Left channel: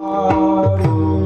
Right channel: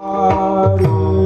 Hallelujah.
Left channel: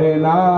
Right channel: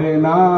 না